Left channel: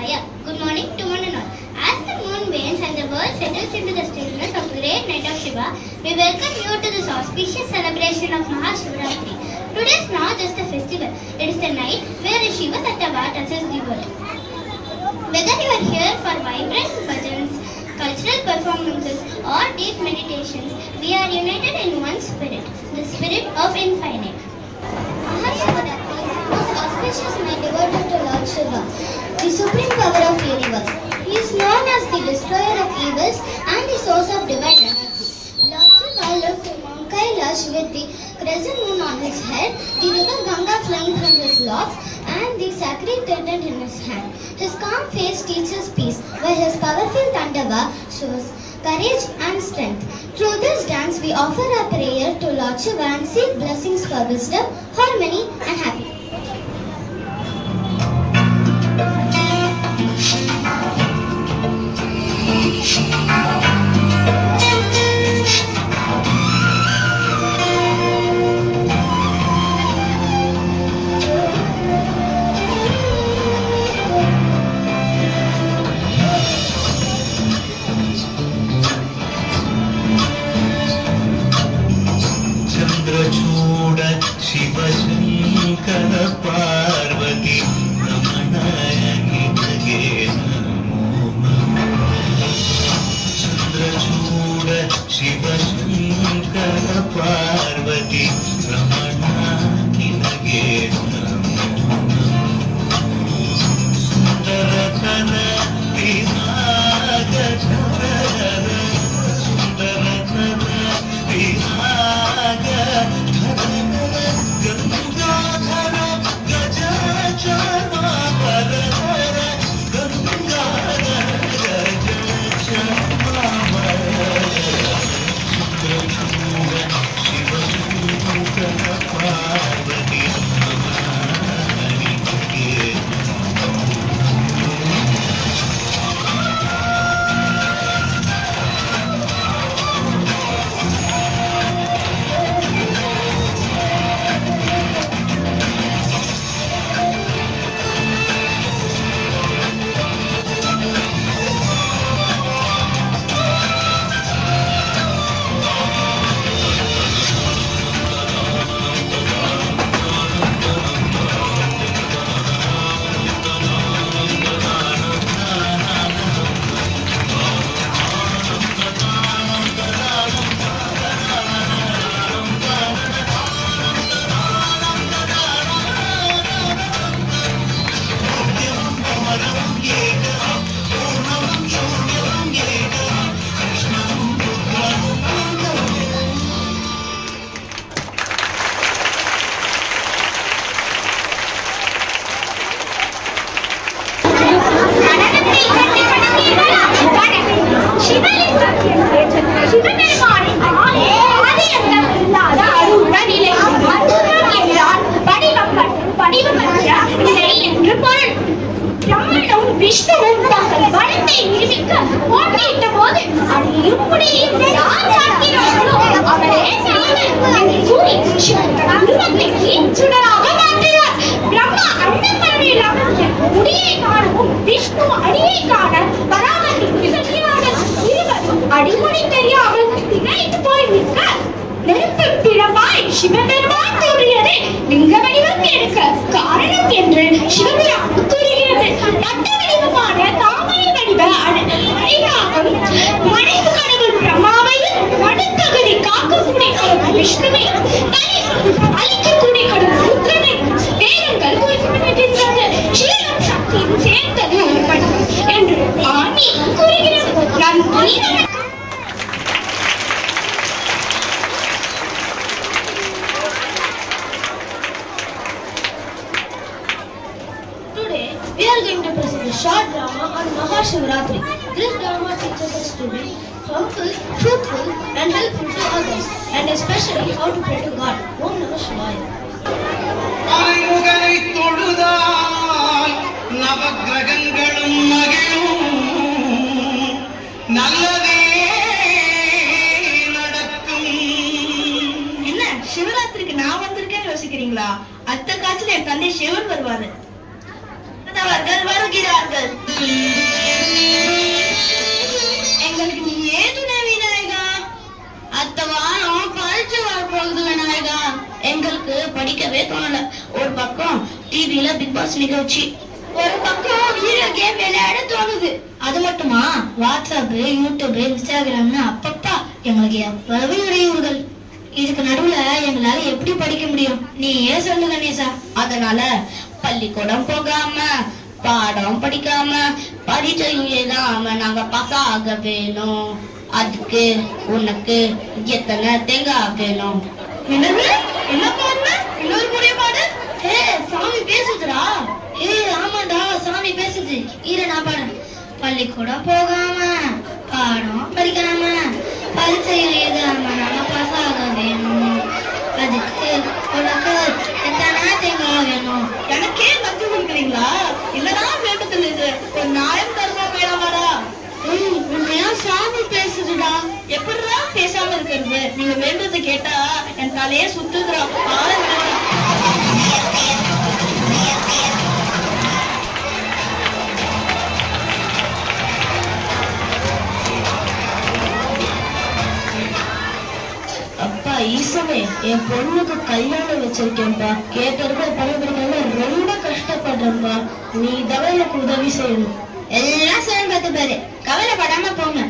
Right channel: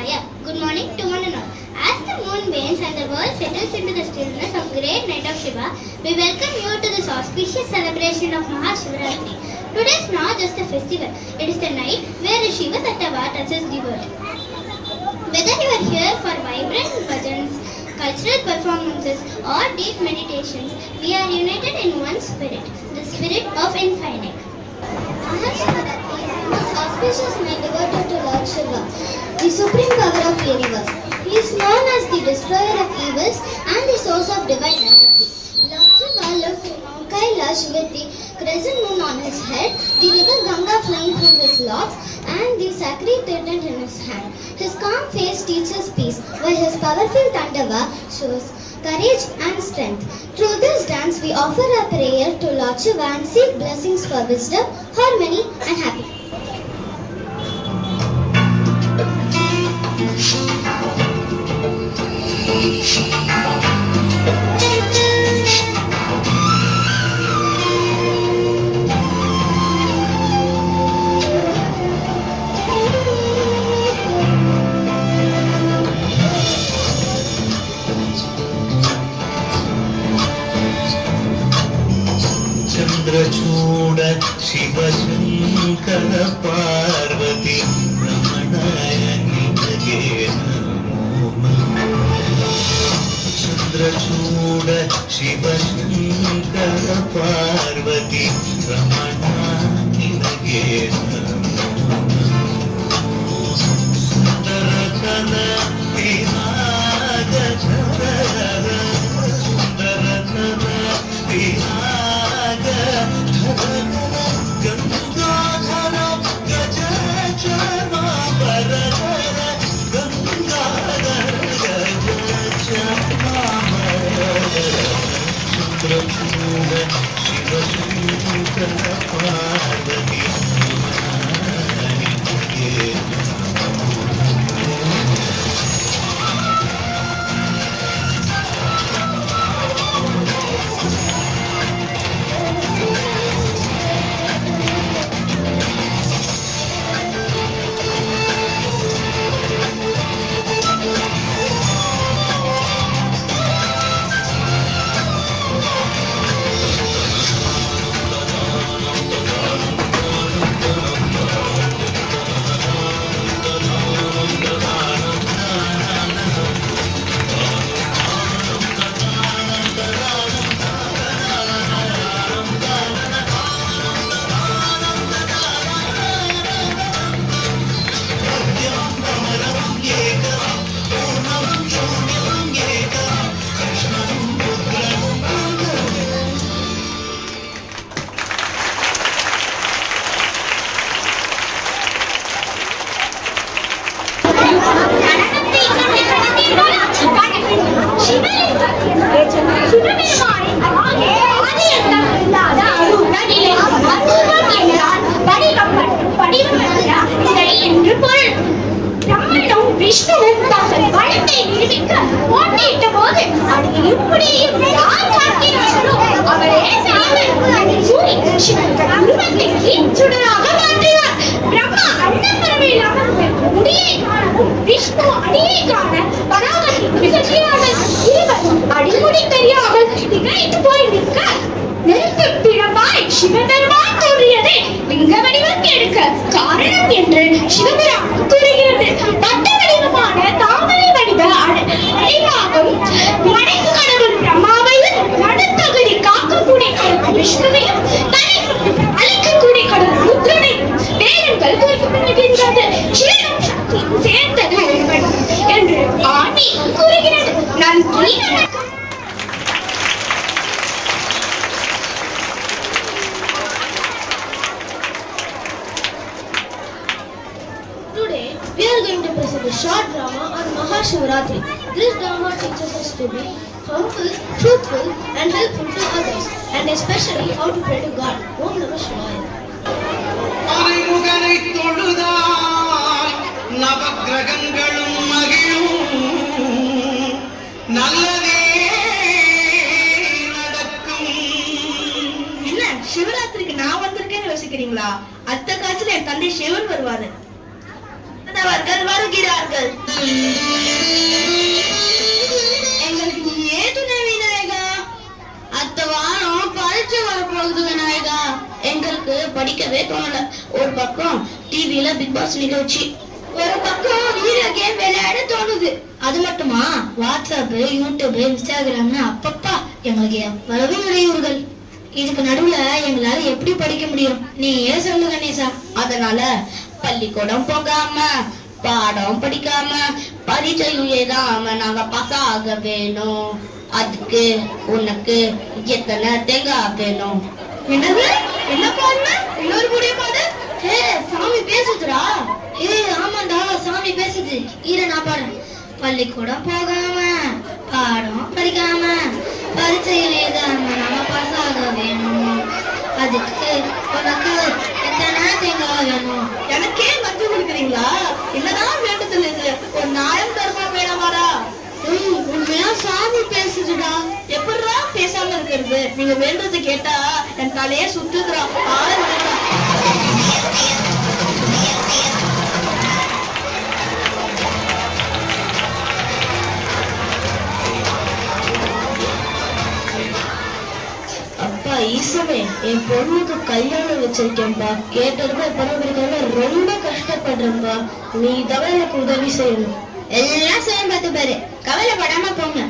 Shivaya. Good morning to one and all. As the moon wanes and the world settles into the stillness of great night of Shiva, we welcome you to this auspicious celebration of Mahashivratri. Today is not just a festival, it is the night where the Shiva Tattva touches the world. Whether you are here for vibrant bhajans, cultural performances or deep meditations, we are united in one spirit, the spirit of infinite. Mahashivratri is the most auspicious night devoted to Lord Shiva, the supreme power of the universe. He is known as the destroyer of evils and the source of divine energy. Lord Shiva lives in Mount Kailash with the crescent moon on his head, the river Ganga flowing from his locks, and the sacred trident in his hand. His calm face teaches peace, while his powerful Tandava shows courage and strength. Through this dance, we offer our prayer to Lord Shiva and seek blessings for wisdom, harmony, and happiness. Chandrachud Shiv Shankar Parvati रमणाय निमगे नमो नमः। चंद्रचूड शिव शंकर पार्वती रमणाय निमगे नमो नमः। सुंदरतन विराग झरर सुंदरतन विराग गंगाधर गज चमापर गंगाधर गज चमापर चंद्रचूड शिव शंकर पार्वती रमणाय निमगे नमो விஷ்ணுவும் தங்கள் வளத்தை நிரூபிக்க போட்டியிட்ட போது அதை எப்படியும் யார் பார்க்கிறார்களோ அவரே என்று கூறி சிவன் உருவத்தை தீச்சுடராக மாற்றினார். பிரம்மா அண்டப்பரவையில் அமர்ந்து முடியை காணவும் விஷ்ணு அடியை காண பராமரித்து விசக்கிறார்கள். இருவர் அடிமுடி தெரியாமல் திகைத்து போய் நிற்க நெருப்பு பிழம்பாய் சிவபெருமான் கூறியது லிங்க வடிவம் எடுக்க காரணம் என்று சிவபெருமான் கூறுகிறது. வட்ட வடிவமான தாமரை வடிவ அடிவாகம் மனைவு கடவுள் பிரம்மாவையும் நடுத்தகுதி காக்கக்கூடிய கடவுள் விஷ்ணுவையும் அழிக்கக்கூடிய கடவுள் ருத்ரனையும் வேதங்கள் குறிப்பிட்டிருக்கிறது. சிவனும் சக்தியும் சேர்ந்தது ஒருவன் என்று ஆன்மீகம் கூறுகிறது. நன்றி. Today, we are going to present a short drama on Mahashivratri. This drama teaches us to be humble, truthful, and helpful to others, and especially how to pray to God. Om Namah Shivaya. ஆறுமுகனை தொழுதால் நவக்கிரகங்களும் மகிழும் நல்லதே நடக்கும். என்ன சிவராத்திரிக்கு நான் வந்திருக்கேன்னு யோசிக்கிறீங்களா? அத்த காட்சியில என் தந்தை சிவன் வருவாரு. வைணவர்கள் வருகிறார்கள். எங்களுக்கு நீ ஏன் துணை விநாயகா? அத்த வாரம் பரீட்சை வரப்போகுது விநாயகா. எங்களுக்கு படிக்கவே தோணல. ஒரு பக்கம் டிவில பிக் பாஸ் நிகழ்ச்சி, ஒரு பக்கம் வீடியோ கேம் விளையாட தோணுது. அது மட்டுமா, வாட்ஸ்அப், யூடியூப், இன்ஸ்டாகிராம்னு அப்பப்பா எங்களுக்கு எவ்வளவு இடையூறுகள். இதுக்கு நடுவுல எங்களால எப்படி படிக்க முடியும்? நீ ஏன் சொல்லு கணேசா. அதனால பள்ளிக்கூடம் போகாம, பாடம் படிக்காம, பரீட்சை எழுதாம நாங்க பாஸ் ஆக வேணும். அதுக்கு உனக்கு எத்தனை தேங்காய் வேணும்? என்னது? என்ன பாருங்க, இன்னொரு முறை பாடு. ஹே, சாமி பேசுதுடா. ஏ ஆமாண்டா, சாமி பேசுது. இரு நான் பாடுறேன். பள்ளிக்கூடம் போகாம, பாடம் படிக்காம, பரீட்சையில் எழுதாம நாங்க பாஸ் ஆக வேணும். அதுக்கு உனக்கு எத்தனை தேங்காய் வேணும்? எனக்கே கத்து கொடுக்குறீங்களா? என்னதான் வேண்டுதல் இது? ஒரு நாயம் தருமா வேணாமாடா? உண்மையா சாமி பேசுதுடா. எப்படிடா பேசாம இருக்கிறது? நீங்க வேண்டது கேட்டா என் தலையே சுத்துதுடா. அப்பா ஈசமே, என் பொண்ணுக்கு கல்யாணம் வச்சிருக்கேன்பா. கேட்டதுக்கு பரவாயில்ல, ரொம்ப கஷ்டப்படுறேன்பா. நீ தான் எனக்கு உதவி செய்யணும். எல்லாம் சேர்ந்து பார்த்து பாரு, கவலைப்படாம போங்க.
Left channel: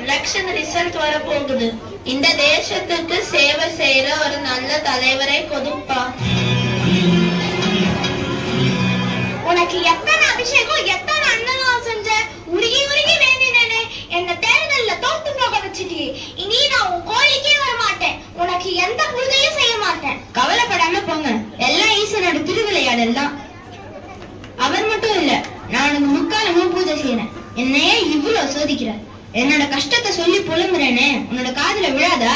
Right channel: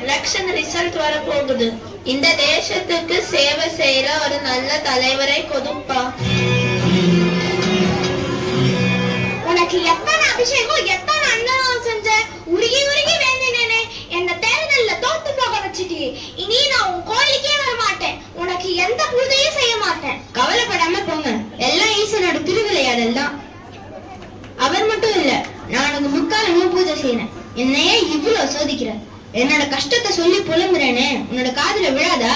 எலெக்ஷன் ரிசல்ட் வர போகுது. இந்த தேசத்துக்கு சேவை செய்யற ஒரு நல்ல தலைவரை கொடுப்பா. உனக்கு எத்தனை அபிஷேகம், எத்தனை அன்னதானம் செஞ்ச? உருகி உருகி வேண்டினேனே, என்ன தேர்தல்ல தோத்து போக வச்சுட்டி. இனி நான் உன் கோயிலுக்கே வர மாட்டேன். உனக்கு எந்த பூஜையும் செய்ய மாட்டேன். கவலைப்படாம போங்க, எல்லாம் ஈஸ்வரோட திருவிளையாடல் தான். அவர் மட்டும் இல்ல, நான் உனக்கு முக்காலமும் பூஜை செய்யறேன். என்னையே இவ்வளவு சோதிக்கிற. என்னோட கஷ்டத்தை சொல்லி புலம்புறேனே, உன்னோட காதுல விழாதா?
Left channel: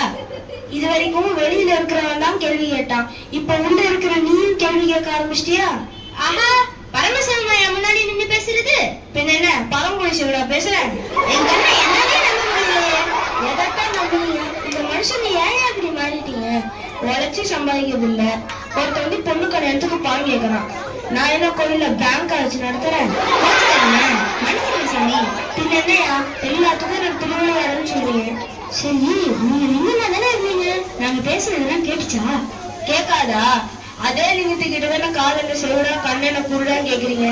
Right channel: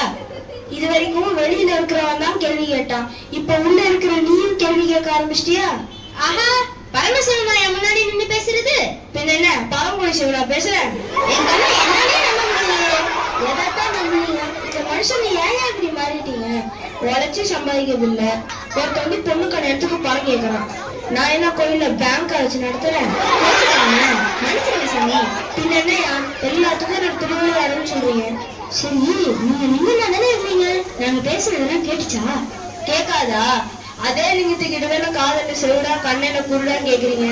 இது வரைக்கும் வெளியில இருக்கிறவன் தான் கேள்வி கேட்டான். இப்ப உள்ள இருக்கிற நீயும் கேள்வி கேட்க ஆரம்பிச்சிட்டியா? ஆஹா, பரமசிவன் என் முன்னாடி நின்று பேசுறது. பின்ன என்ன பரமக்குடி சிவனா பேசுறேன்? என் கண்ணை என்னாலே நம்ப முடியலையே. எதைத்தான் நம்புறீங்க? இந்த மனுஷன் ஏன் இப்படி மாறிட்டீங்க? உழைச்சி சம்பாதிக்கிறது இல்ல. ஒருத்தவங்க பொண்ணு கடை இடத்துக்கு பணம் கேட்கறான். நான் என்ன கோயில்ல பேங்க் வச்சு நடத்துறேன்? மனசுக்கு சாமி. பின்ன என்னையா எல்லாத்துக்கும் எனக்கு திருவிளையாடுன்னு சொல்றீங்க? சரி, நீங்க நின்னா தானே இருந்தீங்க. நாங்க பேசுறதெல்லாம் கேட்டுச்சா? கேட்காதா? அதே லிங்கத்துக்கிட்ட வேணும் காதல செவிடா கண்ணென குருடான்னு கேக்குறீங்க.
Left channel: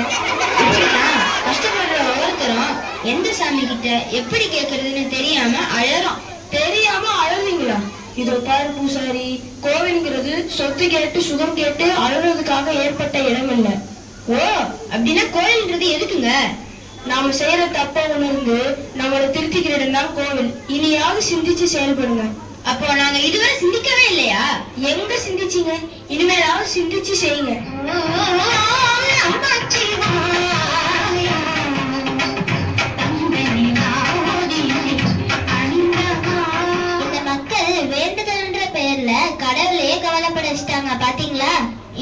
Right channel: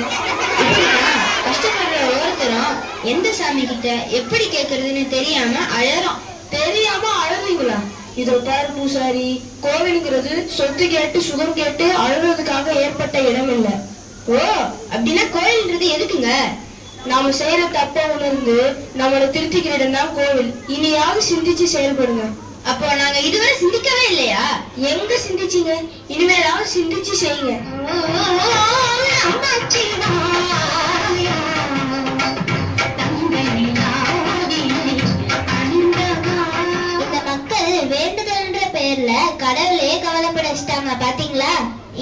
கஷ்டப்படுற ஒவ்வொருத்தரும் எந்த சாமி கிட்ட எப்படி கேக்குறதுன்னு தெரியாம அழறோம். தெரியாம அழறீங்களா? இதோ பாரு பூசாரி, கோவிலுங்கிறது சொத்து கேட்டு சுகம் கேட்டு அழுறதுக்காக ஏற்பட்ட இடம் இல்ல. ஓ, அப்படின்னா கோவில்ன்றது எதுக்குங்க? நாம செய்யற தப்ப உணர்ந்து நம்மளை திருத்திக்கிற இடம் தான் கோவில். இனியாவது சிந்திச்சு செயல்படுங்க. அப்போ நாங்க இதுவரை சிந்திக்கவே இல்லையா? எங்க சிந்திச்சீங்க? இனிமேலாவது சிந்திச்சு செய்யுங்க. இந்த மக்கள் வேண்டுதல்ன்ற பெயர்ல கடவுளையே கவலைப்பட வச்சுட்டாங்க பாத்தீங்களா?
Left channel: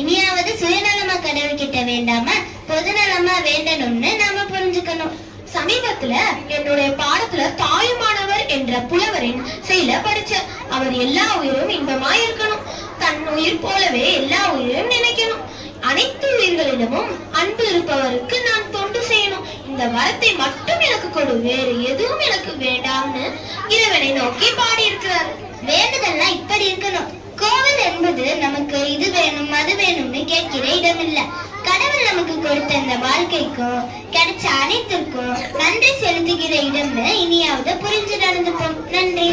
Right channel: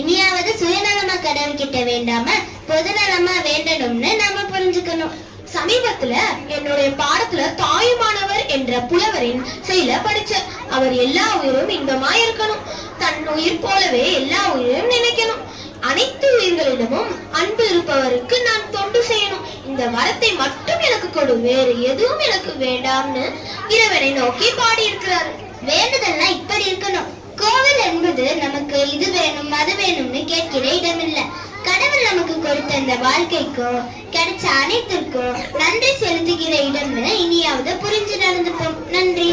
இனியாவது சுயநலமா கடவுள் கிட்ட வேண்டாம பொதுநலமா வேண்டணும்னு நாம புரிஞ்சுக்கணும். சமீபத்துல என்னுடைய பாடத்துல தாயுமானவர் என்ற புலவரின் செயல படிச்ச. அவர் எல்லா உயிரும் இன்பமா இருக்கணும், தன் உயிர் போலவே எல்லா உயிரும் நினைக்கணும், அனைத்து உயிர்களிடமும் அன்பு இருப்பவருக்கு நான் தொண்டு செய்யணும், இந்த வரத்தை மட்டும் எனக்கு கொடு, வேறு எதுவும் எனக்கு வேண்டாம்னு இறைவனை நோக்கி பாடி இருக்கிறார். வேண்டுதல்னா இப்படி இருக்கணும். கோவில் என்பது நமக்கு இது வேணும் அது வேணும்னு கேட்கிற இடம் இல்ல. கடவுள் நமக்கு கொடுத்த இந்த வாழ்க்கைக்கும் கிடைச்ச அனைத்திற்கும் நன்றி செலுத்துகிற இடம்னு இனியாவது புரிஞ்சு நடந்துப்போம். நன்றி.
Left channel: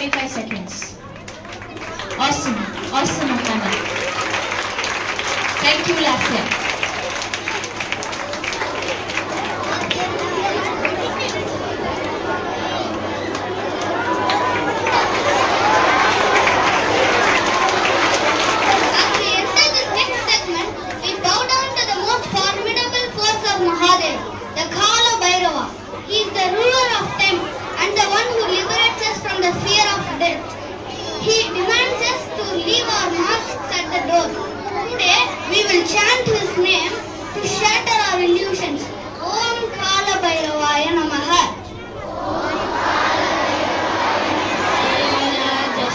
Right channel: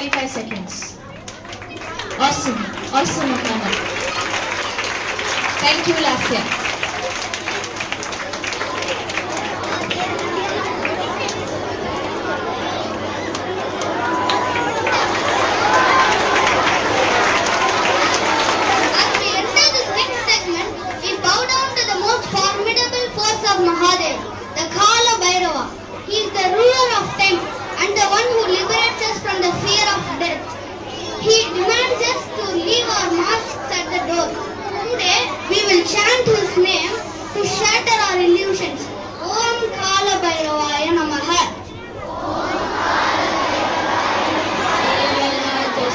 45 seconds. Awesome. Awesome, Akana. Thank you, Lasya. As we enter this next segment, we bow down to the most formidable force of Mahadev, the Kala Bhairava. He is the ruler of time and the one who liberates us from the fear of death. He demands us to leave our masks at the door. Today, we will chant his name to shatter our illusions. Om Kala Bhairavaya Namaha.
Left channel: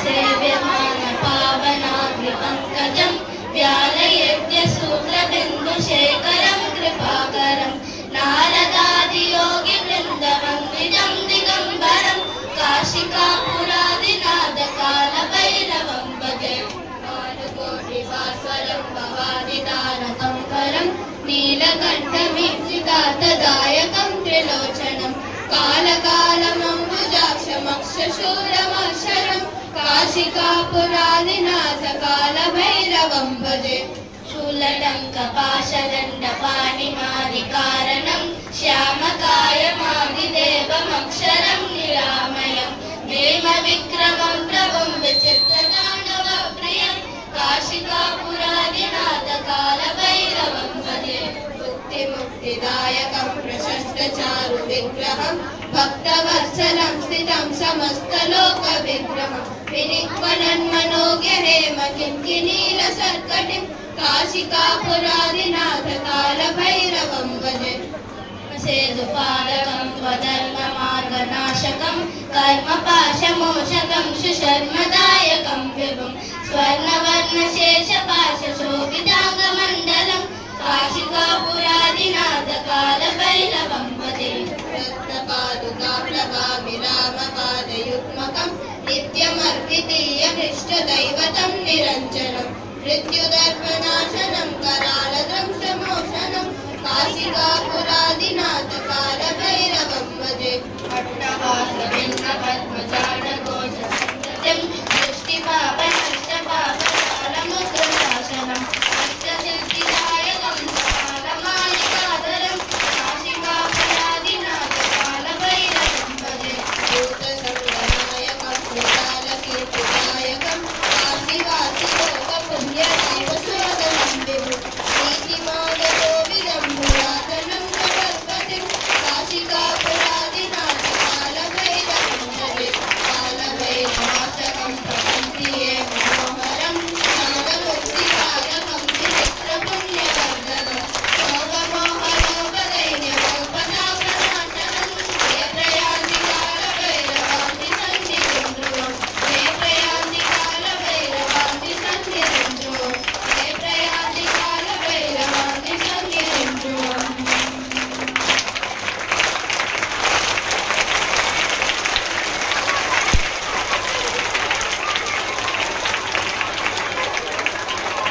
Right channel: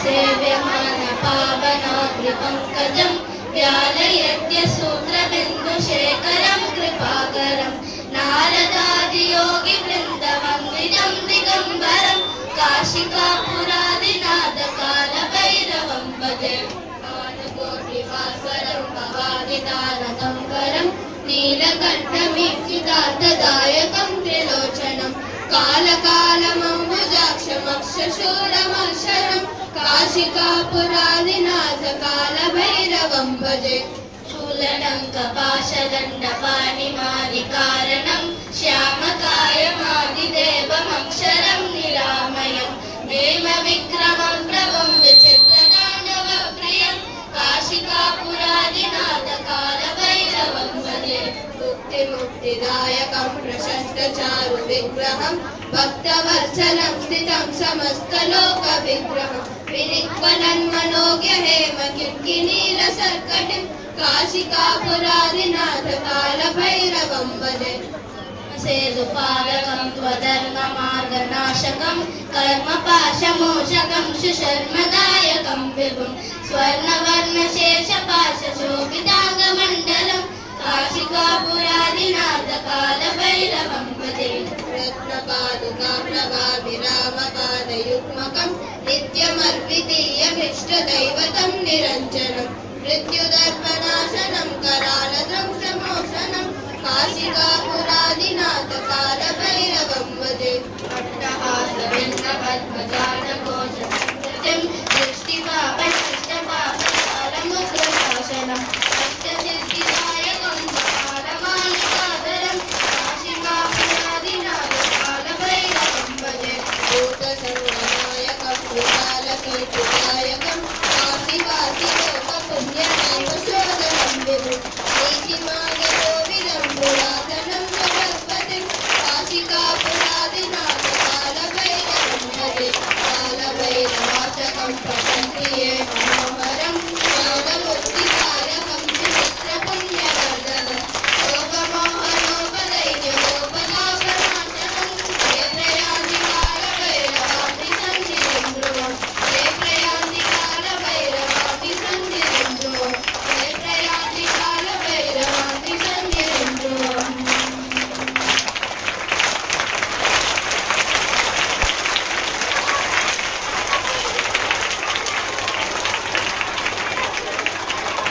सेव्यमान पावनाग्रिपङ्कजं व्यालयद्य सूत्रबिन्दुशेखरं कृपाकरं नारदादियोगिवृन्दमङ्गिजं दिगम्बरं काशिकापुरादिनाथकालभैरवं भजे भानुकोटिवासरं भवादितारकं करं नीलकण्ठमीक्षितार्थदायकं त्रिलोचनं कालकालमम्बुजाक्षमक्षशूरमक्षरं काशिकापुरादिनाथ कालभैरवं भजे शूलटङ्कपाशदण्डपाणिमादिकारणं श्यामकायमादिदेवमक्षरं निरामयं भीमविक्रमं प्रभुं विचित्रताण्डवप्रियं काशिकापुरादिनाथ कालभैरवं भजे मुक्तिदायकं प्रशस्तचारु विग्रहं भक्तवत्सलं स्थितं समस्तलोकविग्रहं विनिक्वलन्मनोज्ञहेम किङ्किणीलसर्कटिं काशिकापुरादिनाथ कालभैरवं भजे सेतुपालकं त्वधर्ममार्गनाशकं कर्मपाशमोचकं सुशर्मदायकं विभुं स्वर्णवर्णशेषपाशशोभिताङ्गमण्डलं काशिकापुरादिनाथ कालभैरवं भजे रत्नपादुकाप्रगाभिरामपादयुग्मकं नित्यमर्पितीयभीष्टदैवतं निरञ्जनं मृत्युदर्पनाशनं करालध्वंसमोचनं काशिकापुरादिनाथ कालभैरवं भजे अट्टहासबिन्दपद्मजानघोषसंस्कृतिं दृष्टिपापनष्टपापकालमुग्रशासनं अष्टसिद्धिदायकं कालमालिकाधरं काशिकापुरादिनाथ कालभैरवं भजे भूतसङ्गनायकं भूतालकीर्तिदायकं काशीवासिलोकपुण्यदैवशोधनं विभुं नीतिमार्गकोविदं पुरातनं जगत्पतिं काशिकापुरादिनाथ कालभैरवं भजे कालभैरवाचकं पठन्ति ये मनोहरं ज्ञानमुक्तिकारकं सुचित्रपुण्यवर्धनं शोभमोहनोपदैन्यमोपदापनाशनं ये प्रयान्ति कालभैरवान्ति सन्धिं ध्रुवं ये प्रयान्ति कालभैरवान्ति सन्धिं ध्रुवं ये प्रयान्ति कालभैरवान्ति सन्धिं ध्रुवम्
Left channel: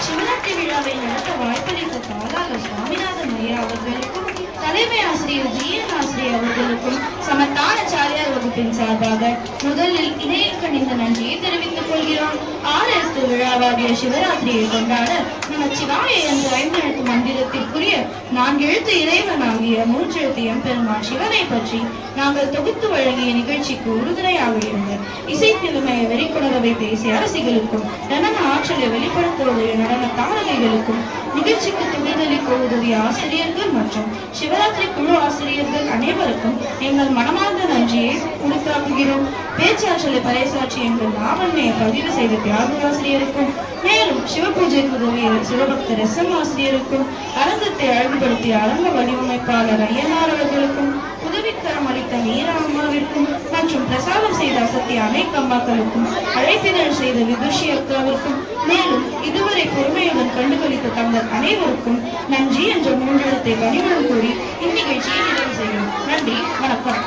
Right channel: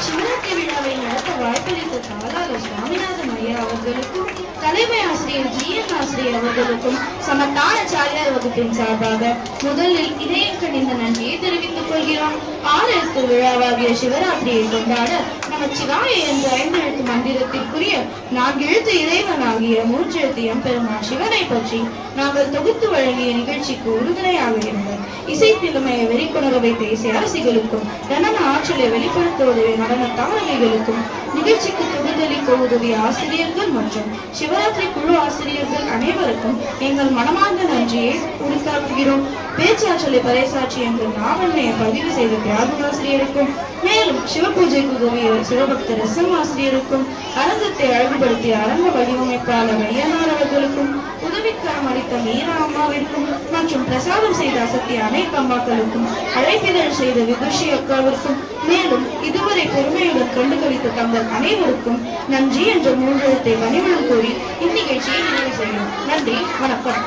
சிவராத்திரி விழாவை நடத்த வாய்ப்பளித்த தாராள சுவாமிநாதன் ஐயா அவர்களுக்கும் தலைமை ஆசிரியர் ஜி.என். ஆசிரியர் அவர்களுக்கும் சமத்தானாச்சாரியார் வகுப்பின் சார்பாக முதலில் இதயம் கனிந்த நன்றியை தெரிவித்துக் கொள்கிறோம். 6 எழுத்து விழாவாகிய சிவராத்திரியை கொண்டாட நமச்சிவாய என்ற 5 எழுத்து மந்திரத்திற்குரிய 4 எழுத்து இறைவனாகிய 3 எழுத்து எம்பெருமான் சிவனை பற்றி நாங்கள் தொகுத்து வழங்கிய நிகழ்ச்சிக்கு உறுதுணையாக இருந்த இசைத்திறமையை வெளிக்கொணரவை பேசிய அரசிகளுக்கும் நடன ஆற்றலை வெளிப்படுத்த உதவிய நடன தாரகைகளுக்கும் நிகழ்ச்சிக்கு தொகுதளிக்க உதவிய ஆசிரியர்கள் மற்றும் சிவராத்திரி குழு ஆசிரியர்கள் அனைவருக்கும் எங்கள் மனமார்ந்த நன்றியை உரித்தாக்குகிறோம். பேச்சாற்றலை பறைசாற்றி எங்கள் நாவன்மையை பதிவு செய்த தியாகராசிரியருக்கும் மேலும் சிவபூஜைக்கு உதவிய சிவபக்தர் எஸ்.எம். ஆசிரியருக்கும் அரங்கத்தை அழகுபடுத்திய அரங்க வடிவமைப்பாளர் ஐயனார் அவர்களுக்கும் உதவிக்கரம் அளித்த மீரா அம்மாவிற்கும் மற்றும் பிரசாதம் செய்த அசத்திய அனைத்து அம்மாக்களுக்கும் அழைப்பிதழ் செய்த விதுஷி அக்காவிற்கும் மேலும் இதுவரை பொறுமையுடன் கண்டுகளித்த தங்கள் அனைவருக்கும் நன்றி என்ற 3 எழுத்தை கனிவுடன் கூறி இந்நிகழ்ச்சியை நிறைவு செய்கிறோம். நன்றி, வணக்கம்.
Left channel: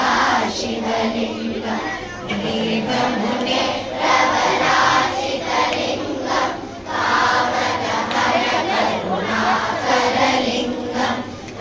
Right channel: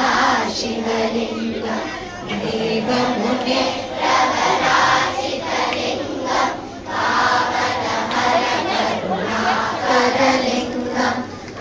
भाषित शिवलिङ्गं देवमुने प्रवराचितलिङ्गं पावनहरकरुणाकरलिङ्गं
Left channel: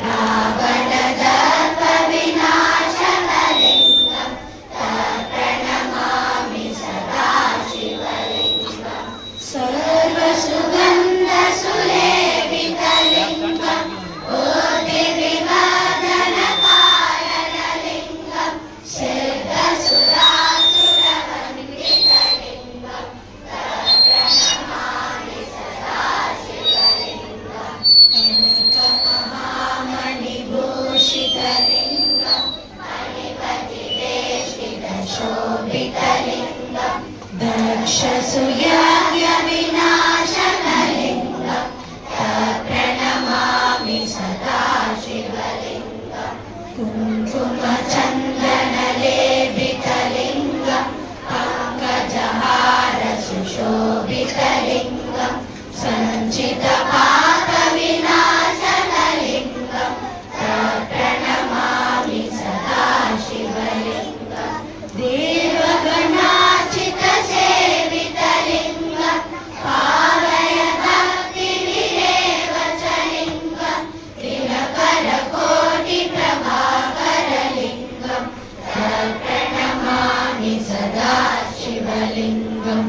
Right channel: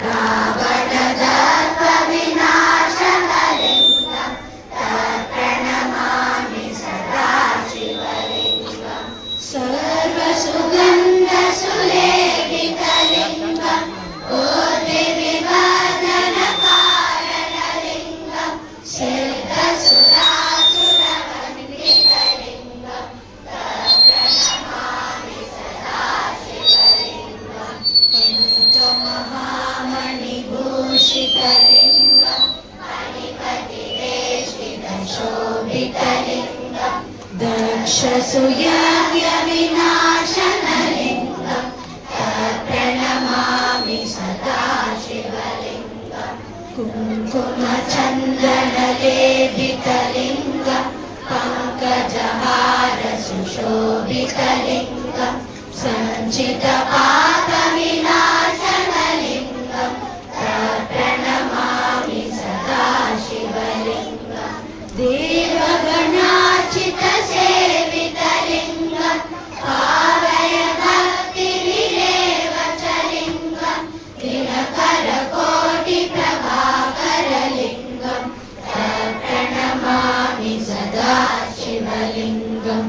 रावणदर्पविनाशनलिङ्गं तत्प्रणमामि सदा शिवलिङ्गं सर्वसुगन्धसुलेपितलिङ्गं कोटिविवर्धनकारणलिङ्गं सिद्धसुरासुरवन्दितलिङ्गं तत्प्रणमामि सदा शिवलिङ्गं कनकमहामणिभूषितलिङ्गं मणिपतिवेष्टितशोभितलिङ्गं दक्षसुयज्ञविनाशनलिङ्गं तत्प्रणमामि सदा शिवलिङ्गं कुङ्कुमचन्दनलेपितलिङ्गं पङ्कजहारसुशोभितलिङ्गं सञ्चितपापविनाशनलिङ्गं तत्प्रणमामि सदा शिवलिङ्गं देवगणार्चितसेवितलिङ्गं पावय भक्तिविलेवचलिङ्गं दिनकरकोटिप्रभाकरलिङ्गं तत्प्रणमामि सदा शिवलिङ्गम्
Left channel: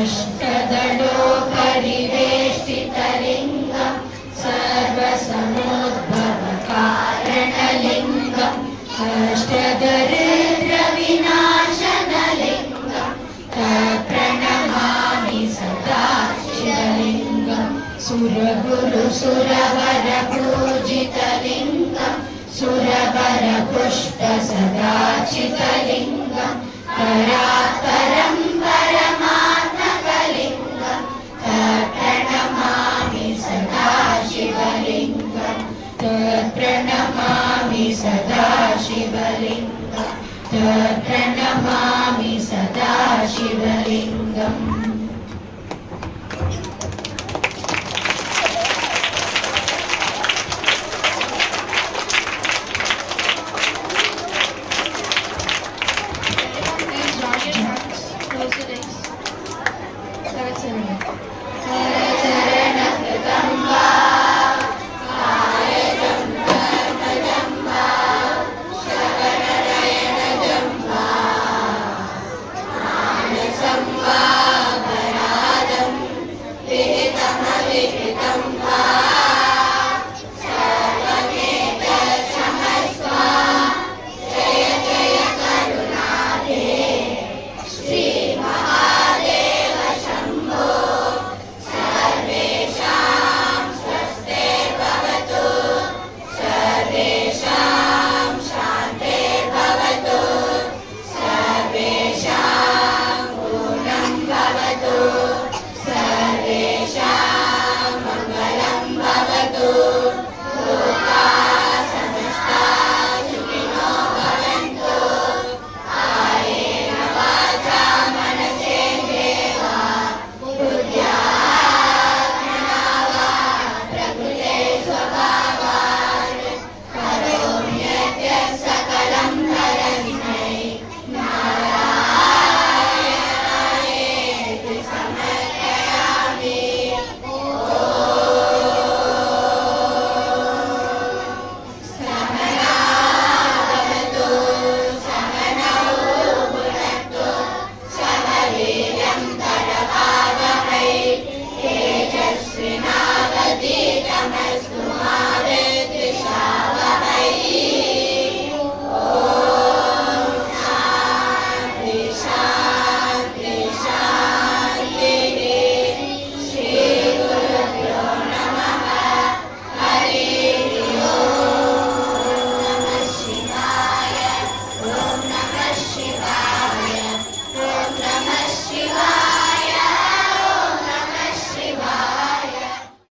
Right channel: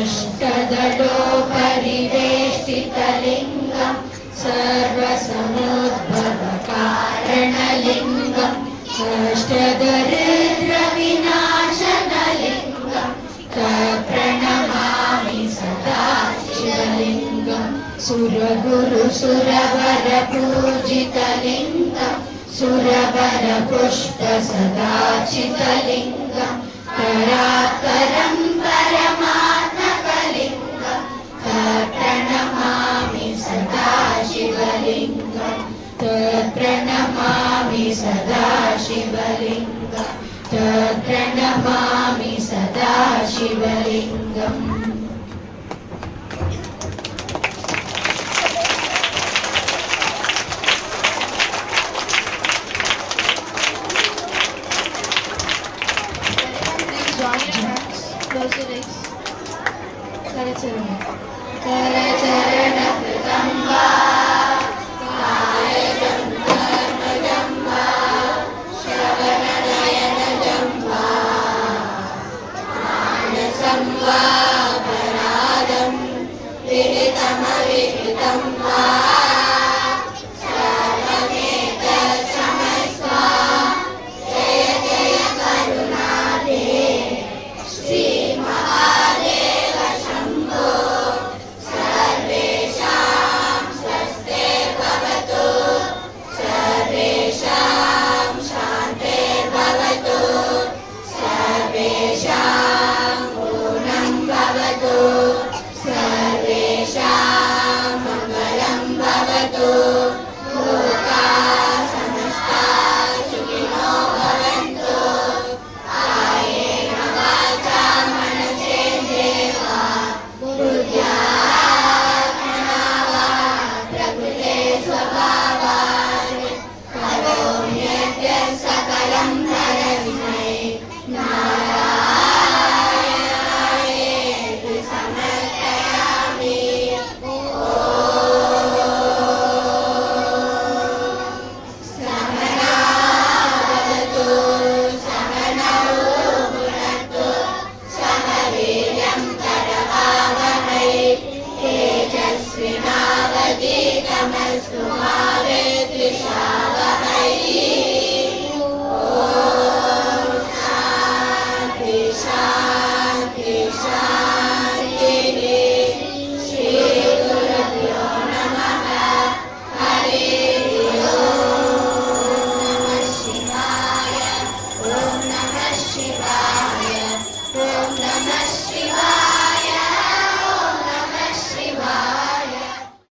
अष्टदलोपरिवेष्टितलिङ्गं सर्वसमुद्भवकारणलिङ्गं अष्टदरिद्रविनाशनलिङ्गं तत्प्रणमामि सदा शिवलिङ्गं सुरगुरुसुरवरपूजितलिङ्गं सुरवरपुष्पसदाचितलिङ्गं परात्परं परमात्मकलिङ्गं तत्प्रणमामि सदा शिवलिङ्गं तत्प्रणमामि सदा शिवलिङ्गं तत्प्रणमामि सदा शिवलिङ्गम् Join your hands, close your legs. Karacharan. Karacharan Kritamba